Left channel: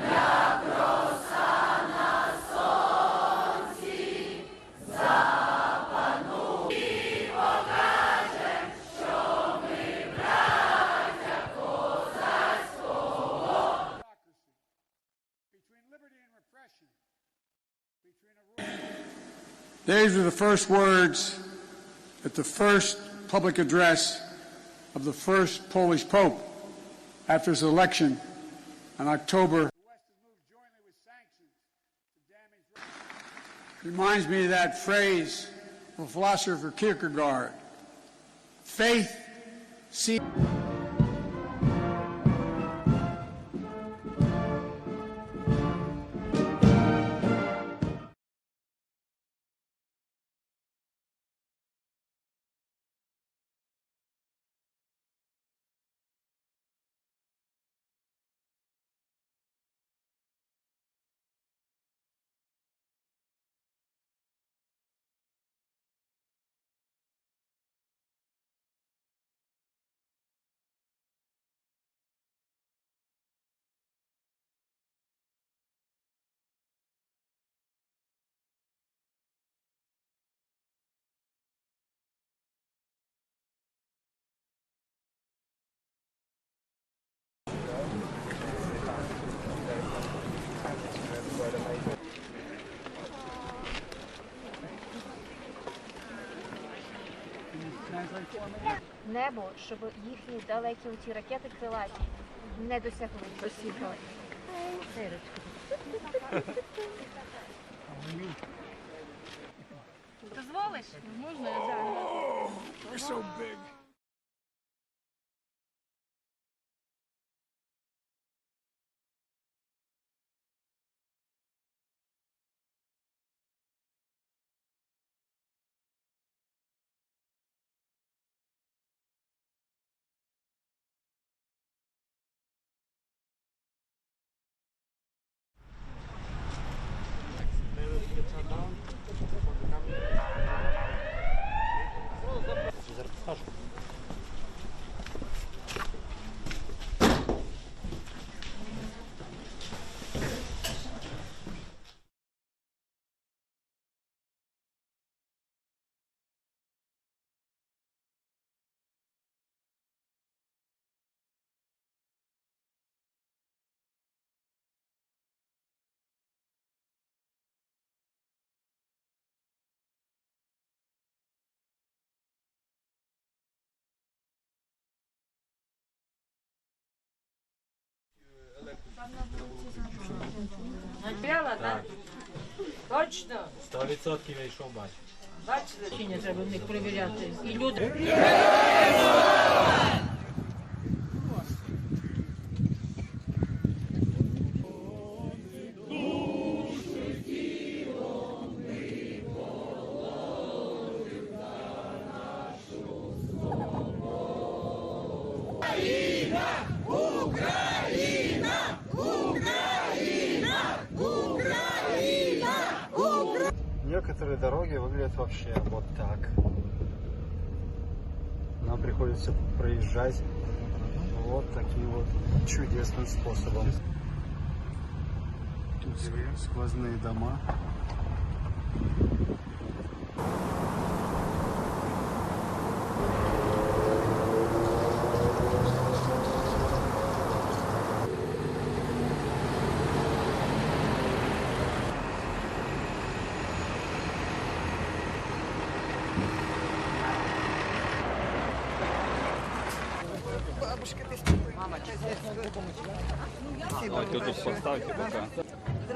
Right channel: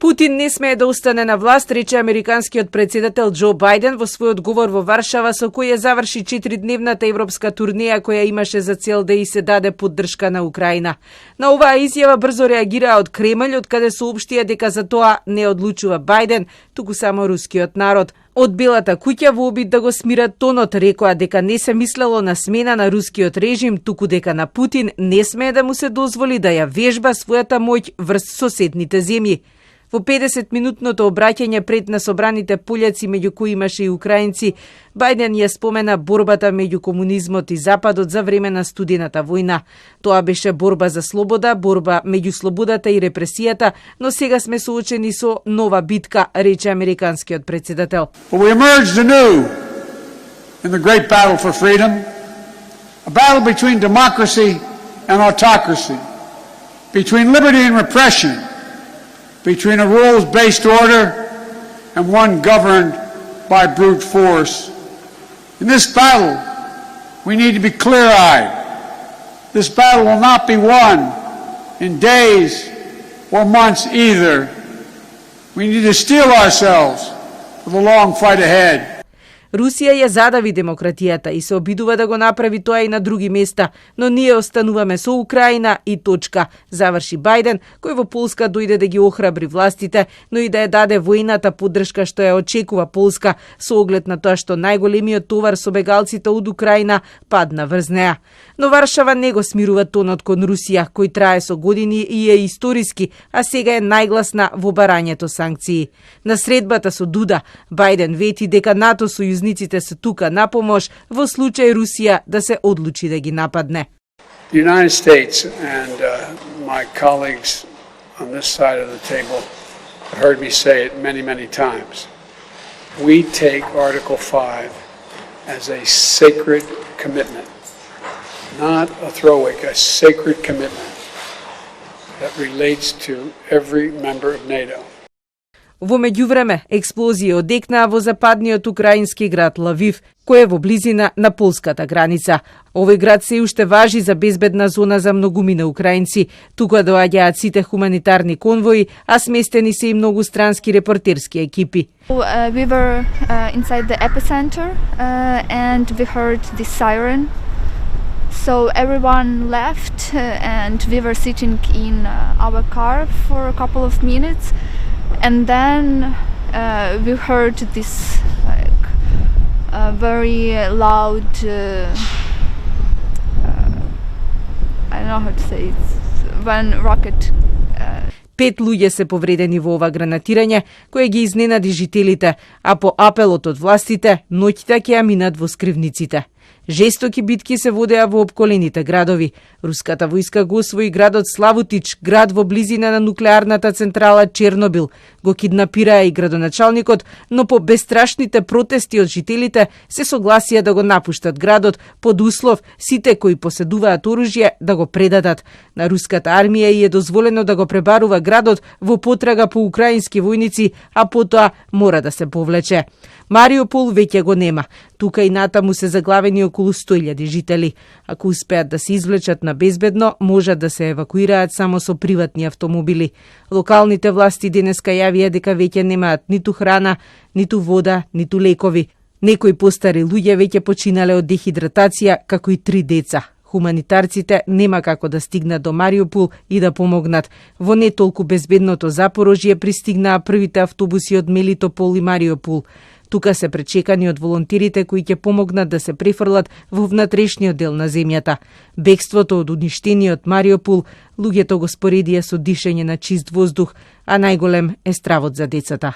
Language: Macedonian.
Путин не смее да остане на власт, рече американскиот председател Џо Бајден во својот говор во Варшава, со кој ја заврши 4-дневната европска турнеја која имаше за цел да и се даде поддршка на Украина. На оваа изјава брзо реагираа од Кремљ, од каде соопштија дека за тоа не одлучува Бајден, туку само рускиот народ. Од Белата куќа во обид да го смират тонот рекоа дека не се мислело на смена на рускиот режим, туку дека на Путин не смее да му се дозволи да ја вежба својата моќ врз соседните земји. Во 50-минутното обраќање пред на собраните пољаци, меѓу кои имаше и украинци, Бајден ја спомена борбата меѓу комунизмот и Западот за време на студената војна. Тоа беше борба за слобода, борба меѓу слободата и репресијата, но сега сме соочени со нова битка, рече американскиот председател. But we emerged anew in the great battle for freedom, a battle between democracy and autocracy, between liberty and repression, between a rules-based order and one governed by brute force. In this battle, we need to be clear-eyed. This battle will not be won in days or months either. We need to steel ourselves for the long fight ahead. Русија ја задави демократијата и се обидува да го направи тоа и на други места, но ние остануваме со Украина и точка, заврши Бајден, кој во Полска дојде да ги охрабри властите, но и да ја даде војната поддршка што ја очекува Полска, со оглед на тоа што најголемиот товар со бегалците од Украина падна врз неа. Но Варшава не го смирува тонот кон Русија, кој трае со години и е историски, а сега е најгласна во барањето санкции. На средбата со Дуда, Бајден вети дека НАТО сојузниците се тука на помош во случај Русија да се одлучи да ги нападне. The United States and my colleagues on this side of the table have heard me say it many times. We take Article 5 as a sacred commitment, not a throwaway, a sacred commitment that relates to every member of NATO. Во меѓувреме, експлозии одекнаа во западниот украински град Лавив, кој е во близина на полската граница. Овој град се уште важи за безбедна зона за многумина украинци. Тука доаѓаат сите хуманитарни конвои, а сместени се и многу странски репортерски екипи. We were inside the epicenter and we heard the siren. So everyone left and we were sitting in our car for a couple of minutes. And then we heard this very loud, I don't know how to say it, one rocket. 5 луѓе се повредени во ова гранатирање, кое ги изненади жителите, а по апелот од властите, ноќта ќе ја минат во скривниците. Жестоки битки се водеа во околините градови. Руската војска го освои градот Славутич, град во близина на нуклеарната централа Чернобил. Го киднапираа и градоначалникот, но по бестрашните протести од жителите се согласија да го напуштат градот под услов сите кои поседуваат оружје да го предадат. На руската армија и е дозволено да го пребарува градот во потрага по украински војници, а потоа мора да се повлече. Мариупол веќе го нема. Тука и натаму се заглавени околу 100.000 жители. Ако успеат да се извлечат на безбедно, можат да се евакуираат само со приватни автомобили. Локалните власти денеска јавија дека веќе немаат ниту храна, ниту вода, ниту лекови. Некои постари луѓе веќе починале од дехидратација, како и 3 деца. Хуманитарците нема како да стигнат до Мариупол и да помогнат. Во не толку безбедното Запорожје пристигнаа првите автобуси од Мелитопол и Мариупол. Тука се пречекани од волонтерите кои ќе помогнат да се префрлат во внатрешниот дел на земјата. Бегството од уништениот Мариупол, луѓето го споредија со дишење на чист воздух, а најголем е стравот за децата.